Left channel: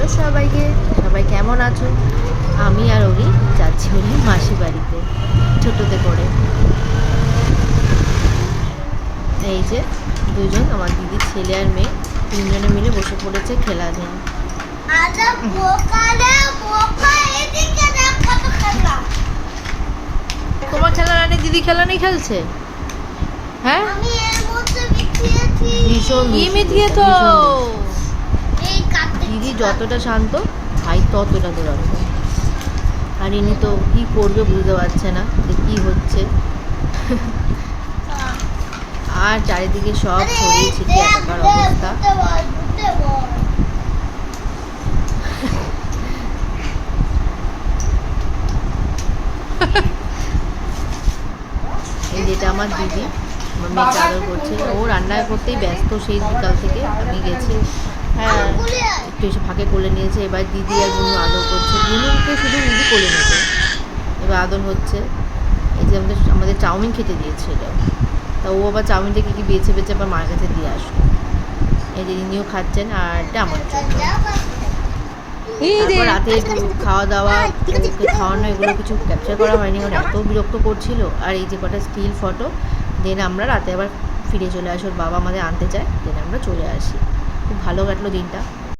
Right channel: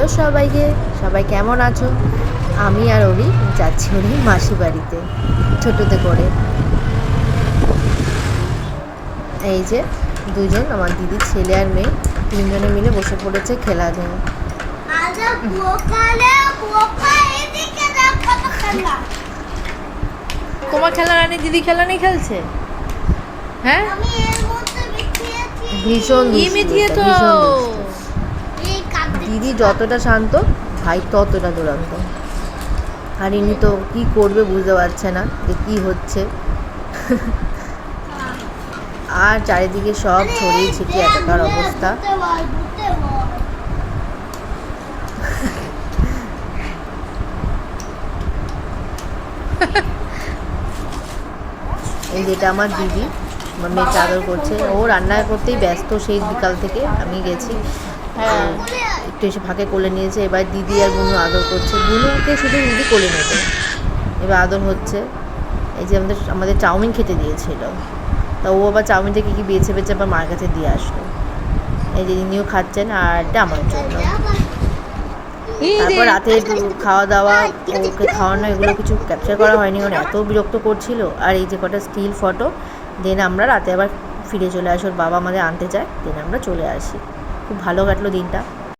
Hello সবাইকে, সবাই কেমন আছো? আমি আর ওরি যাচ্ছি ওরি মাসি বাড়িতে ছোটোতে করে। এই যে দুজন আমার দিদির ছেলে আর মেয়ে, তিনজনে মিলে বসে পড়েছে খেলা নিয়ে। তোমার খেলা রানি দিদি খেলা নেই খেলছে? হ্যাঁ, ভীষণ তো। দিদি যতটা শান্ত, ভাই ততটা দুরন্ত। আর ইনি তো কী করবে বুঝতে পারছে না যে কী হচ্ছে। আর চারিদিকে সব ছড়িয়ে ছিটিয়ে একাকার অবস্থা। এই যেটা আমার দিদি, আমার মেয়েকে আদর করছে। ও রান্না করতেই ব্যস্ত সেই বিকাল থেকে। আমি গেছি, হ্যাঁ, একটু এসে ফাঁকে কোলে নিয়েছে। এবার দিদি আর বুনু আদর করছে। বুনুকে শুধু দিদি কোলে নেবে, এবার আদর হচ্ছে। এই যে আমাদের চাউমিন খেতে দিয়েছিল, তা ও আবার চাউমিনটা কী বেছে বেছে আবার মার কাছে দিয়ে আসলো। এই যে ইনিও খাচ্ছেন, আর এটা আমার জন্য। তারপর রাতে খাওয়া দাওয়া, ওকে খাওয়ানো, এগুলো কিছু ক্যাপচার করা হয়নি কারণ এত বিরক্ত করছিল। আর এই যে কটা স্টিল ফটো, দেন আমরা রাতে আবার ফিরে চলে আসি। ওর বাবা আমাদের আনতে যায়, দেন আমরা চলে আসি। খুব ভালো কাটলো দিনটা।